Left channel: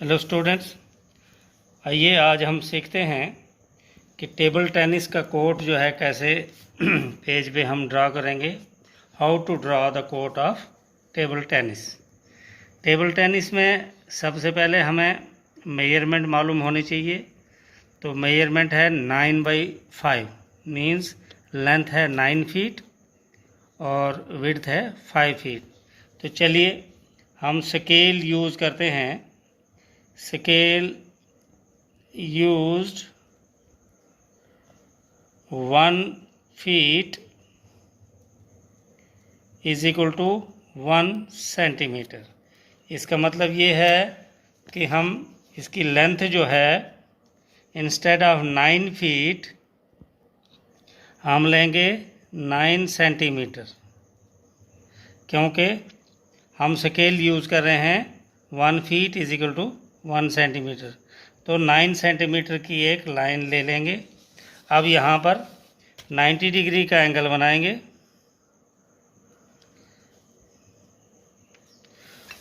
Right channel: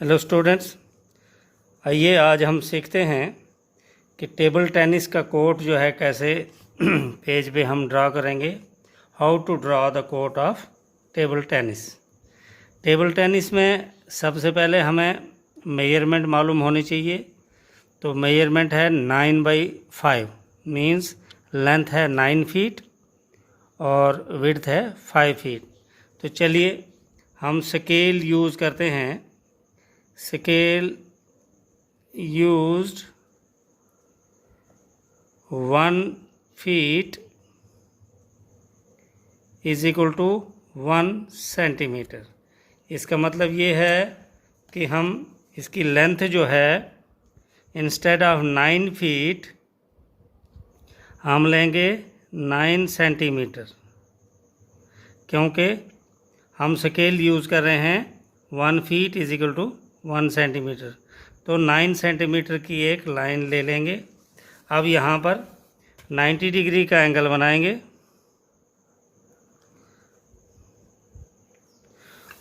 Hello students, आइए आज हम सीखते हैं कि टेबल टेनिस का कोर्ट जो है कैसे पेज पे हम ड्रा करेंगे। How to draw the court of table tennis. Table tennis में सबसे पहले हमें मेजरमेंट मालूम होनी चाहिए। तो मेजरमेंट है 9/5, मीन्स लेंथ है 9 फीट और विड्थ है 5 फीट। तो चलिए हम स्केल यूज़ करते हैं। Scale used 1 feet is equal to 1 centimetre. इसका मतलब ये है कि हम इसकी लेंथ जो है इंस्टेड ऑफ 9 फीट हम लेंगे 9 सेंटीमीटर, क्योंकि हम स्केल यूज़ कर रहे हैं 1 feet is equal to 1 centimetre. तो 9 सेंटीमीटर की एक लाइन ले लेंगे। अब यहाँ पर 90 डिग्री का एंगल बनाएंगे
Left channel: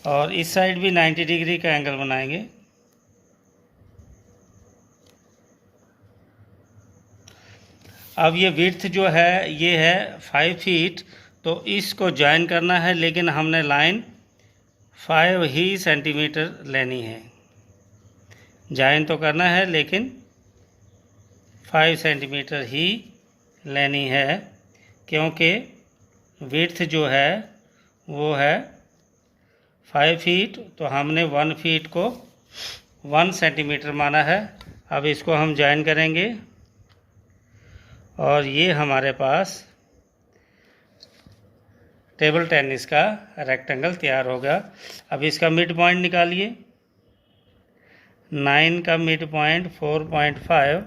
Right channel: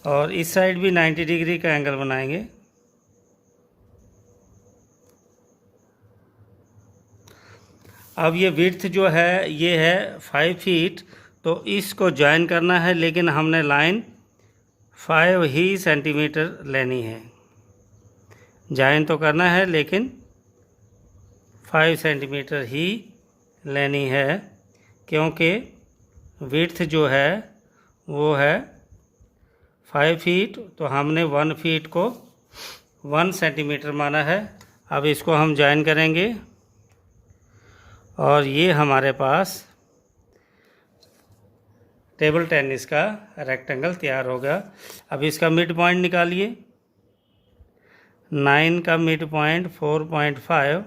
और इस साइड भी 90 डिग्री का एंगल बनाएंगे। अब ये विड्थ जो है ये है 5 फीट, तो इसको ज्वाइन करना है, लेकिन हमने लाइन 5 ही सेंटीमीटर लेनी है। ज्वाइन तो करना है लेकिन 5 सेंटीमीटर ही लेनी है, क्योंकि विड्थ जो है वो है 5 फीट, तो हमने 1 फीट को 1 सेंटीमीटर माना है। अब इसको हम ज्वाइन करेंगे और ये हमारे पास टेबल टेनिस का रेक्टेंगल तैयार होगा। अब इसका मिड पॉइंट निकालिए। 9 का मिड पॉइंट 4.5,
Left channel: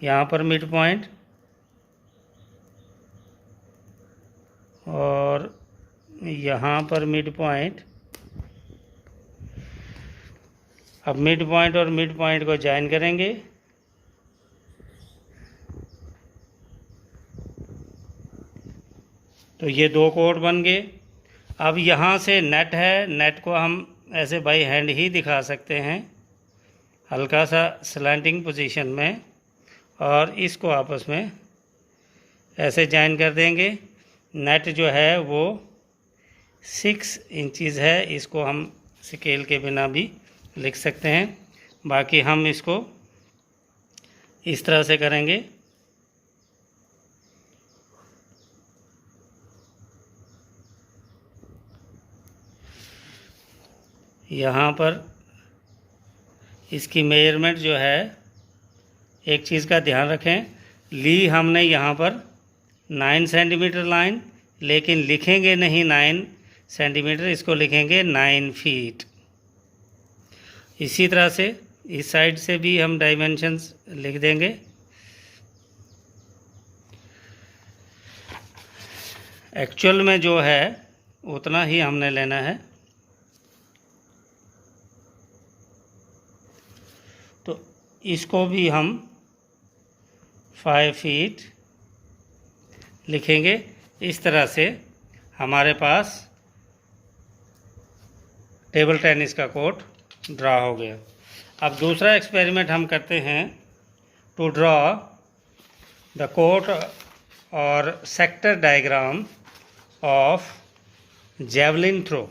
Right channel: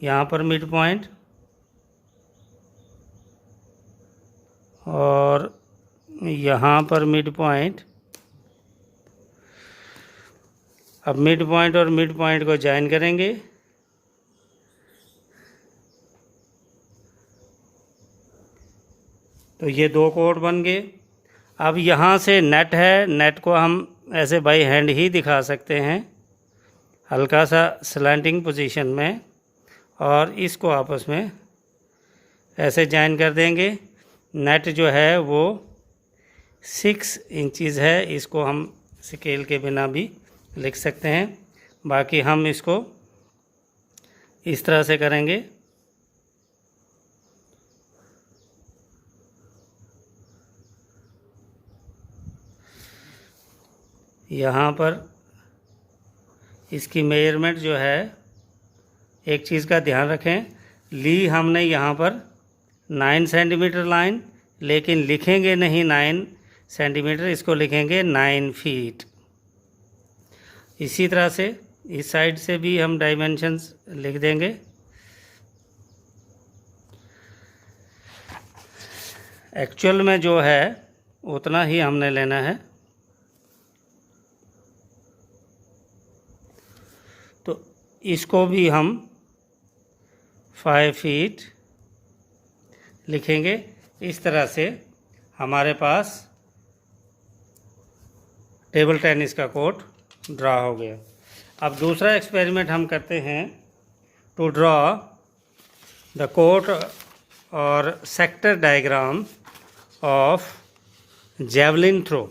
यहाँ पर मिड पॉइंट, और यहाँ पर मिड पॉइंट। अब मिड पॉइंट और मिड पॉइंट को ज्वाइन करेंगे। तो ये दो कोड बन गए। अब यहाँ से नेट है, नेट को हम ऐसे बाई हैंड ही दिखा सकते हैं, हल्का सा स्लैंटिंग पोजीशन में, और इसको आपस में ऐसे ज्वाइन कर देंगे। नेट जो है वो 6 इंचज़ है, इसको हम स्केल के बिना भी लिख सकते हैं। बाकी हम इसको इस तरह से करेंगे। यहाँ पर इसकी मेजरमेंट जो है, एक चीज़ का ध्यान रखें, ली हमने यहाँ पर 9 सेंटीमीटर लाइन, लेकिन लिखेंगे नहीं 9 सेंटीमीटर, इसको लिखेंगे 9 फीट। इसी तरह से इस साइड से भी हम डायमेंशंस लिख देंगे। एक्चुअल में जो है उतना ही हमने लेना है। तो इसको भी हम 5 फीट लिखेंगे। इस तरह से हमारे पास टेबल टेनिस का कोर्ट ड्रा हो गया। अब दूसरा एक्सपेरिमेंट हम करते हैं, टू ड्रॉ द कोर्ट और sector diagram of javelin throw.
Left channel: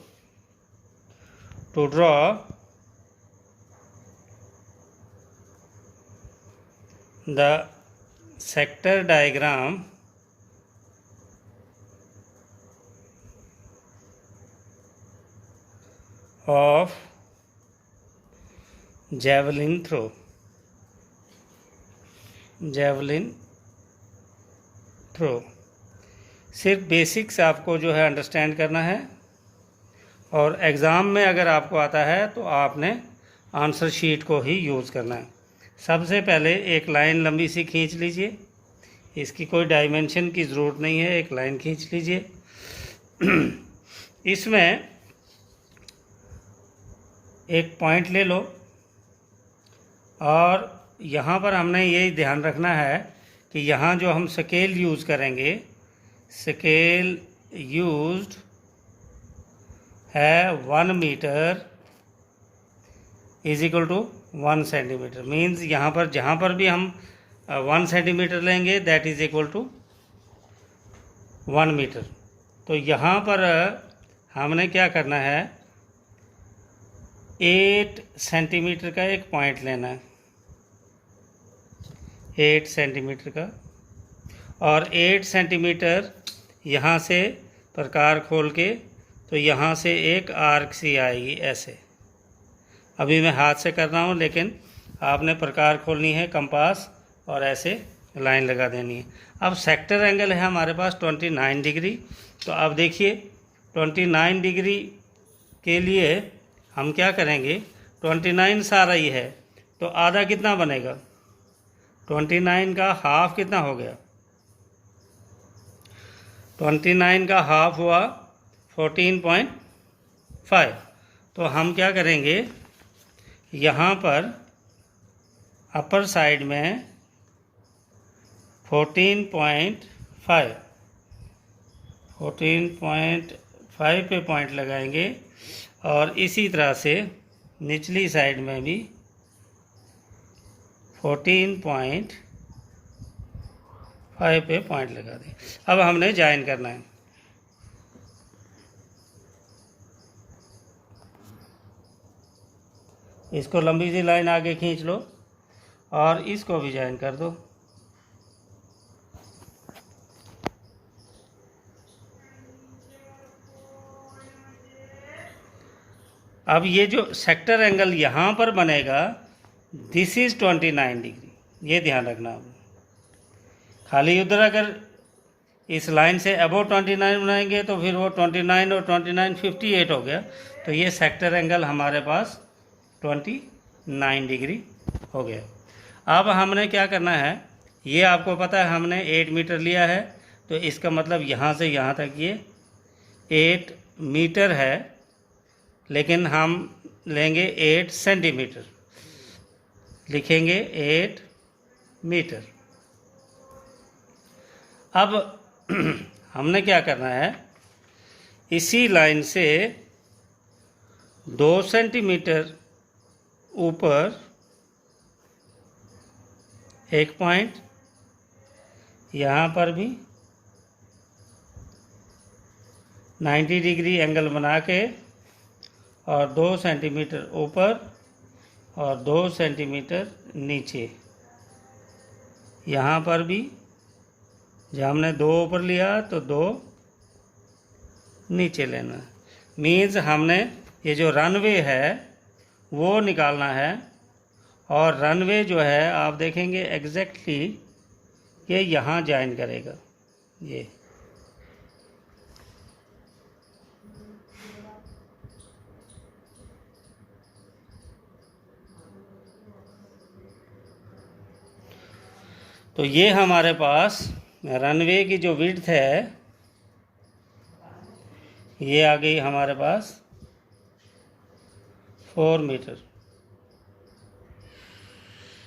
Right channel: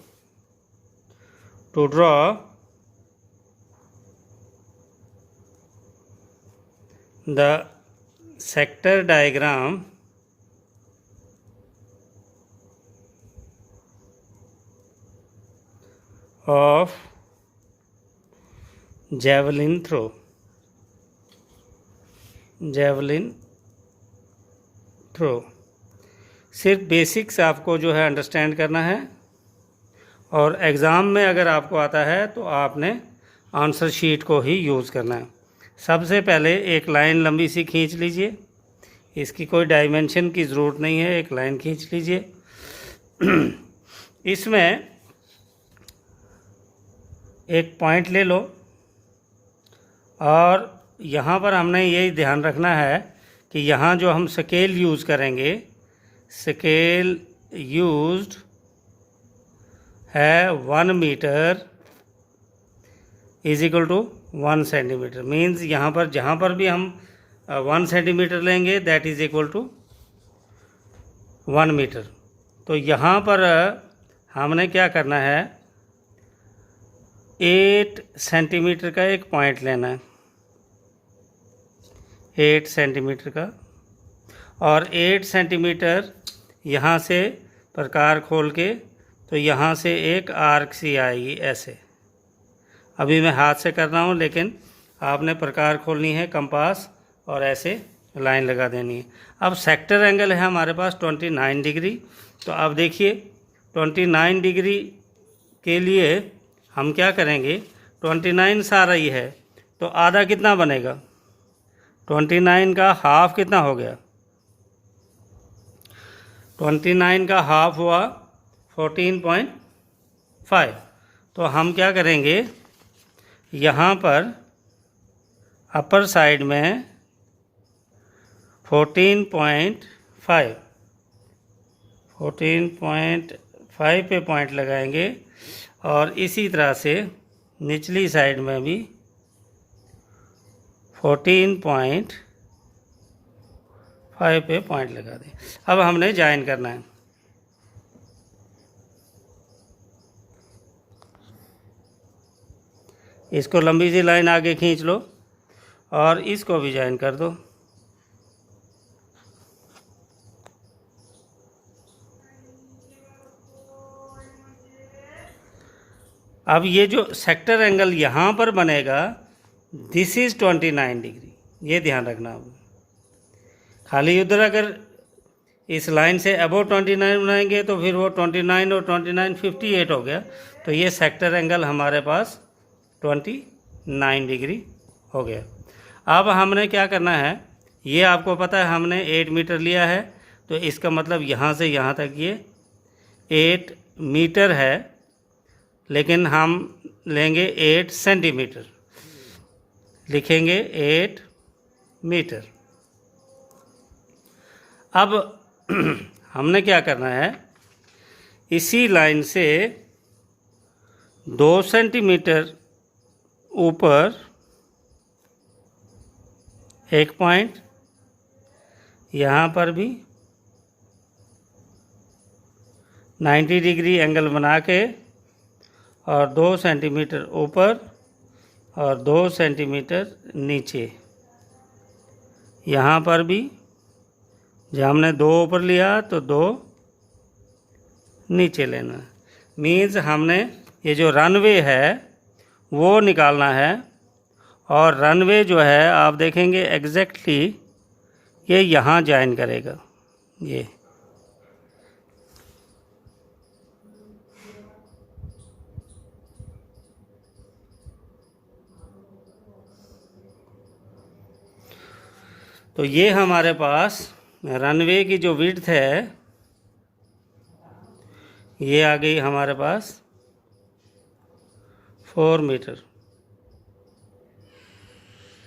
To draw the sector diagram of javelin throw। javelin throw सिर्फ बेसिक्स आपको जो है अंडरस्टैंड करना है, और एग्ज़ाम में अगर आपको आता है तो आपने आंसर शीट को ही यूज़ करना है। सबसे पहले एक लाइन लंबी सी खींच लीजिए। इसकी कोई डायमेंशन की ज़रूरत नहीं है, एक लाइन खींच लीजिए। इसमें एक पॉइंट ले लो, और यहाँ पर हमने यही ध्यान रखना है कि यहाँ जो हम स्केल यूज़ करेंगे, स्केल यूज्ड है 1 metre is equal to 1 centimetre. Means यहाँ पर जहाँ पर भी हम 1 सेंटीमीटर लेंगे that is equal to 1 metre. तो यहाँ पर हमने क्या करना है, 8 सेंटीमीटर का एक पॉइंट लेना है, 8 सेंटीमीटर का, और 8 सेंटीमीटर यहाँ से प्रकार खोल के तो यहाँ से एक आर्क सी आएगी ऐसे। अभी मैं हाथ से कर रहा हूँ, लेकिन आपने प्रकार खोलनी है कंपास और ऐसे लाइन लगा देनी है। अब सेक्टर एंगल है हमारे पास 29 डिग्री। तो अब देखिए 29 डिग्री के लिए हम क्या करेंगे, 29 आ रही है तो आधा कितना बनेगा, 29 का हाफ कितना हो गया, 29 का हाफ हुआ 14.5। तो हम क्या करेंगे, यहाँ पर अपर साइड में 14.5 पे पॉइंट लगाएंगे, और इसी तरह से निचली साइड में भी 14.5 पे पॉइंट लगा दें। अब हमने ज्वाइन करना है। इसको लंबी सी लाइन आगे खींच लो और इसको भी ज्वाइन कर दो। अब ये जो सेक्टर एंगल यहाँ पर बनेगा दिस इज 29 डिग्री, ये ध्यान रखना। अब खाली उधर अगर इस लाइन से अबव 29 बनाएंगे तो फिर वो 29 और 29 58 हो गया। तो ये सेक्टर एंगल हमारे पास 29 डिग्री हो गया। अब हमने क्या करना है, ये आपको पता है हमने 8 मीटर लिया है, तो इसका मतलब यहाँ से यहाँ तक ये 8 मीटर है, लेकिन हम लेंगे 8 सेंटीमीटर, लिखेंगे 8 मीटर। अब हमने क्या करना है, इसी लाइन से 2 सेंटीमीटर ऊपर एक पॉइंट, यहाँ पर भी 90 डिग्री एंगल बना के, और 2 सेंटीमीटर ऊपर और 2 सेंटीमीटर नीचे। यहाँ पर भी जब हमने 2 ऊपर लिया तो 2 नीचे लेना। मीन्स हमने ये जो रनवे है वो निकालना है, और रनवे जो है आप देखेंगे एग्जैक्टली ये यहाँ ज्वाइन करेगा। ये तो ये हमारे पास रनवे की जो विड्थ है ये आ गई हमारे पास 4 मीटर,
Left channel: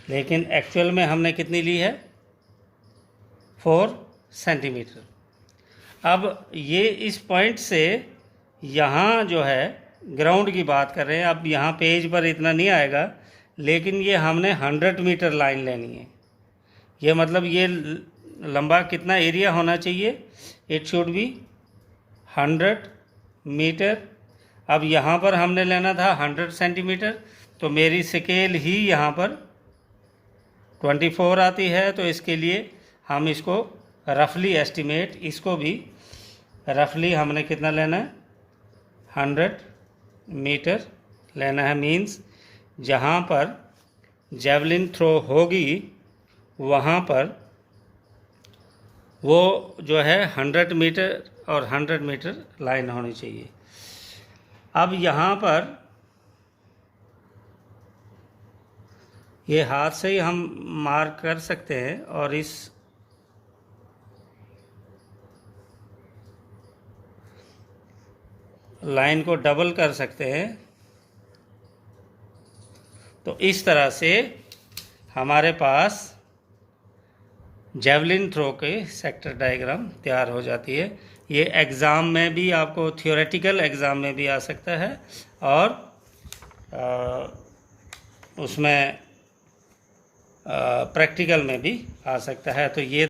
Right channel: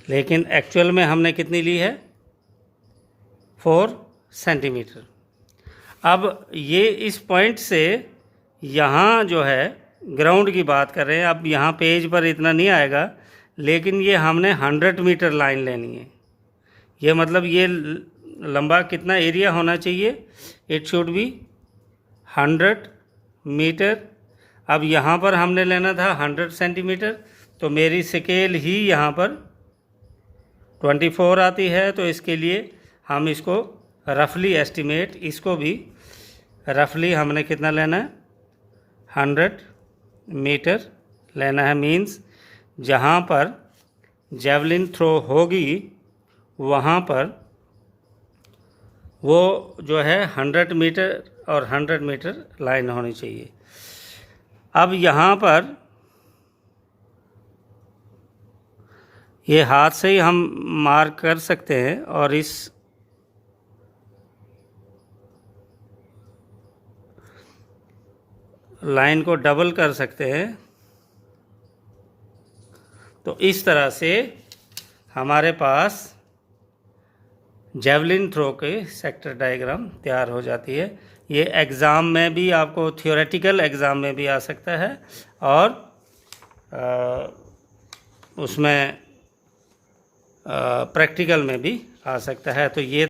लेकिन एक्चुअल में हमने कितनी ली है, 4 सेंटीमीटर। अब ये इस पॉइंट से यहाँ जो है ग्राउंड की बात कर रहे हैं। अब यहाँ पेज पर इतना नहीं आएगा, लेकिन ये हमने 100 मीटर लाइन लेनी है। ये मतलब ये लंबा कितना एरिया होना चाहिए, इट शुड बी 100 मीटर। अब यहाँ पर हमने लेना था 100 सेंटीमीटर, तो मेरी स्केल ही यहाँ पर 24 आती है। तो इसके लिए हम इसको रफली एस्टिमेट, इसको भी रफली हमने कितना लेना है, 100 मीटर लेना है। मीन्स जहाँ पर जेवलिन थ्रो होगी वहाँ पर वो जो है 100 मीटर और 100 मीटर लाइन होनी चाहिए। अब यहाँ पर ये हाथ से ही हम मार्क कर सकते हैं, और इस लाइन को डबल कर सकते हैं। तो इस तरह से हमारे पास जेवलिन थ्रो के सेक्टर डायग्राम तैयार हो जाती है। ये एग्ज़ाम में भी आपको, थियोरेटिकल एग्ज़ाम में भी आ सकता है, और उसमें प्रैक्टिकल में भी आ सकता है। तो ये